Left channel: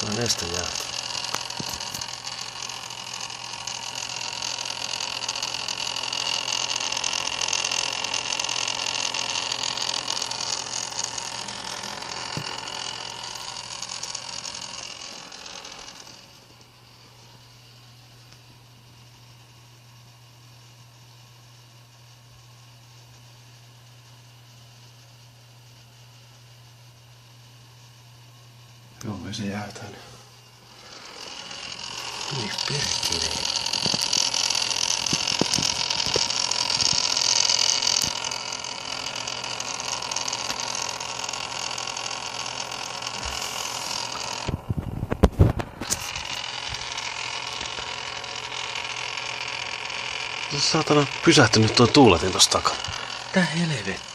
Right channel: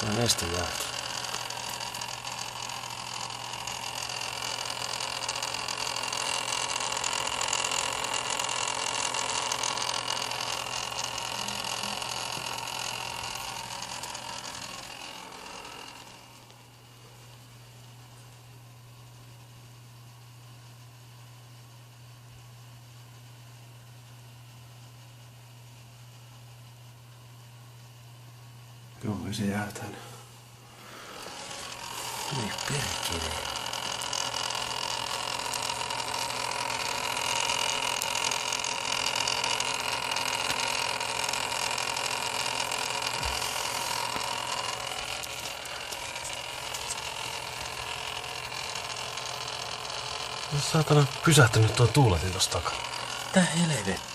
Tuo neste jää. Joo, ei se jää tänne. Niin perkele. Saatana pysähtynyt tuo tuuletin tossa takana. Mitä helvettiä?